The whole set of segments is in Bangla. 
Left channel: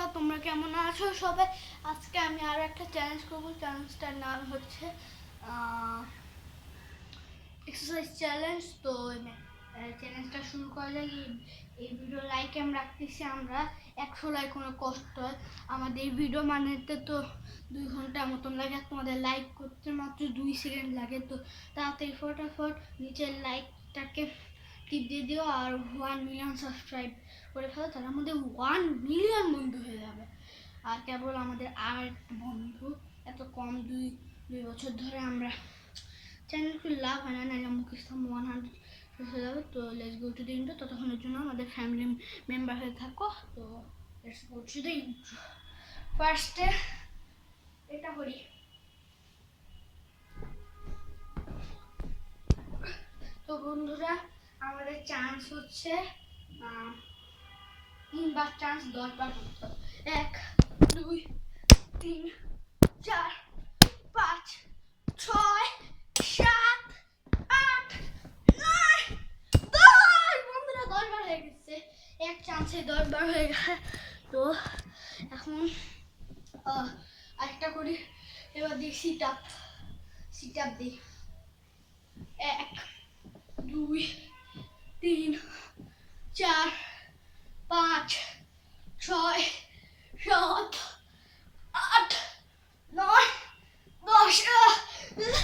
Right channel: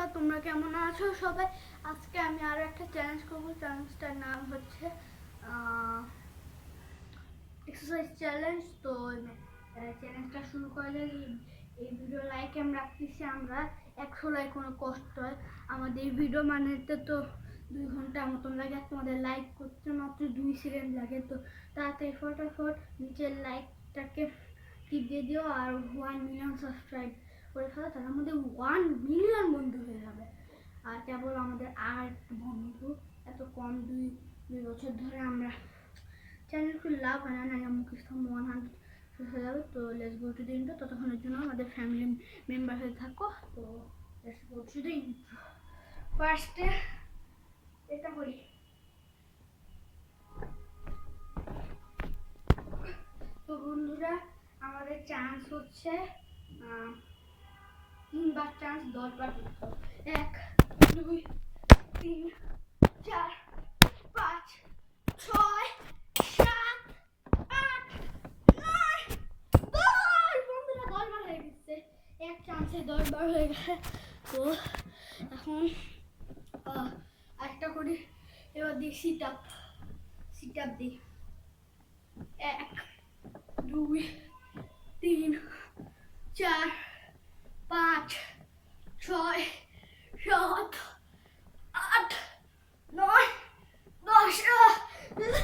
বন্ধুরা, তোমরা কেমন আছো সবাই? আজকে আমি আরো একটা চ্যালেঞ্জ করব। চ্যালেঞ্জটার নাম হচ্ছে এক্সারসাইজ চ্যালেঞ্জ। তো চ্যালেঞ্জটা শুরু করা যায়। এই ভিডিও লাইক আমি রাখতেছি আমরা 100 লাইক। কোনো কষ্ট হয় আমাদের এই ভিডিও বানাতে তো 2 ঘন্টা মতন লাগে, আর তোমাদের লাইক করতে মাত্র 2 সেকেন্ড লাগে। তো তাড়াতাড়ি ফটাফট নিচের লাইকটাকে টিপ দিয়ে দিও আর 1 মিলিয়ন সাবস্ক্রাইব করে ফেলো। তার মধ্যে 1 মিলিয়ন বন্ধু হয়ে যাবে। আর কেবল আমাদের আর একটু বন্ধু, এত কম 2 বছর ধরে আমরা চ্যানেল খুব লাভ হয় না, নাহলে মুকেশ 100 হয়ে যাবে। তো let's go to the intro. ততক্ষণের জন্য আমাদের ফ্যামিলি মেম্বার হয়ে থাকো। তো let's go to the intro. ফার্স্টে এটা করি। তো বন্ধুরা, আমাদের চান্স হচ্ছে 3 বার চান্স, 10 বার করতে হবে। 1 2 3 4 5 6 7 8 9 10। বন্ধুরা 10 বার হয়ে গেছে, এক চান্সে 10 বার হয়ে গেছে। তো এখন আরেকটা করি। এবার দিই সিট আপ দিই। 1 2 3 4 5 6 7 8 9 10।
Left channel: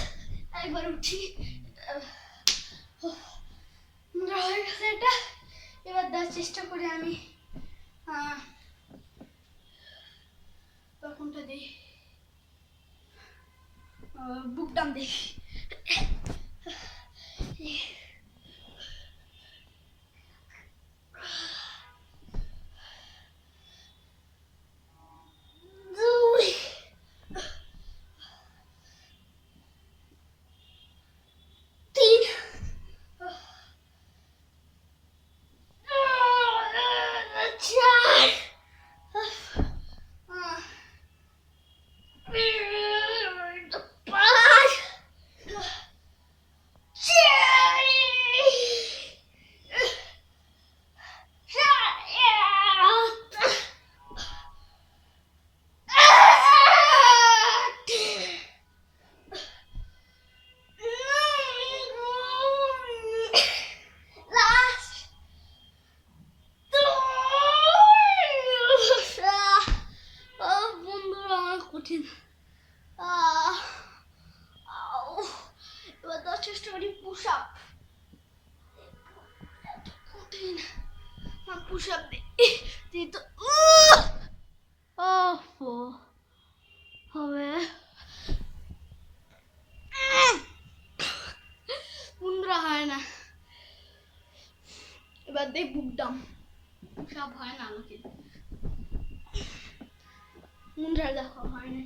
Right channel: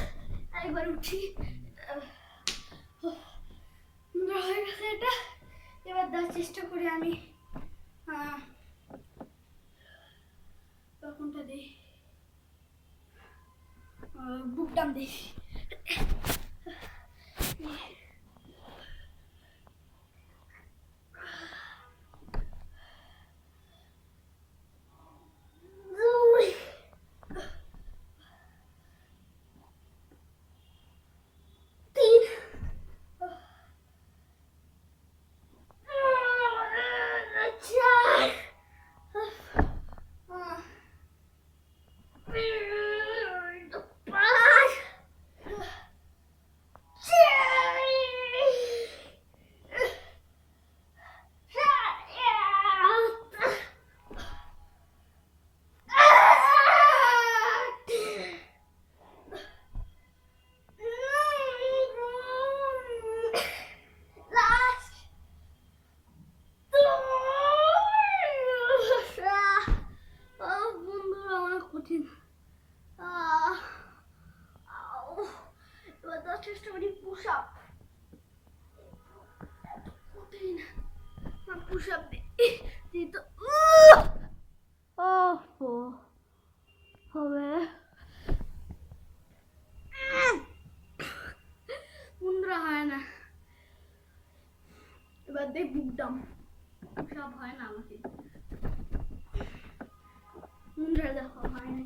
একবার উঠি, হয়ে গেছে এটা। এবার দেওয়ার চেষ্টা করি আমি। তখনটা দিই, বুক ডাউন দিই। কঠিন। এবার দেওয়ার চেষ্টা করি পুশ আপ। কঠিন, পুশ আপ দিই তো হবে। বন্ধুরা হয় না। এবার দিই বুক ডাউন। পুশ আপ হয় না আমাকে। বন্ধুরা দেখো হয় না।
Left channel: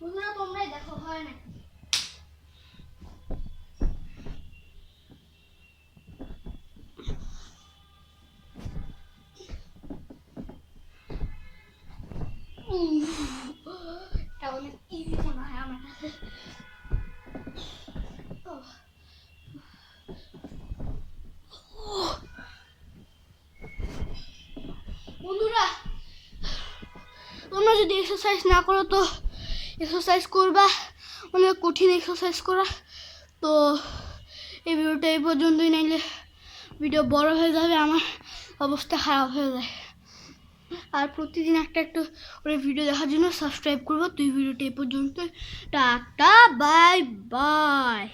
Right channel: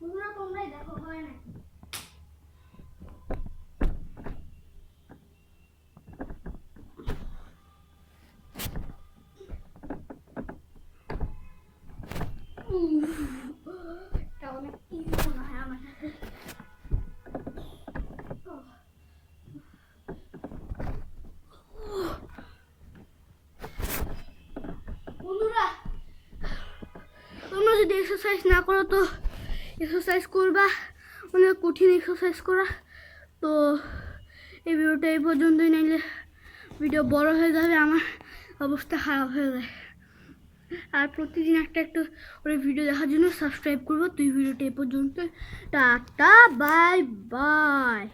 বন্ধুরা তোমরাই দেখো হয় না। এটা অনেক ইজি মনে হয় আমার কাছে। বন্ধুরা তোমরা যদি এক্সারসাইজ না করো তো এক্সারসাইজ করবা, অনেক কঠিন এক্সারসাইজ করা। তো এই ভিডিওটা এই পর্যন্তই, নাইলে ভিডিও বড় হয়ে যাবে, আমার অবস্থা খারাপ হয়ে যায়। আর প্রতিদিন একটা করে ভিডিও দেখার জন্য সাবস্ক্রাইব করবো। তো এই ভিডিওটা এই পর্যন্ত, টাটা বাই বাই।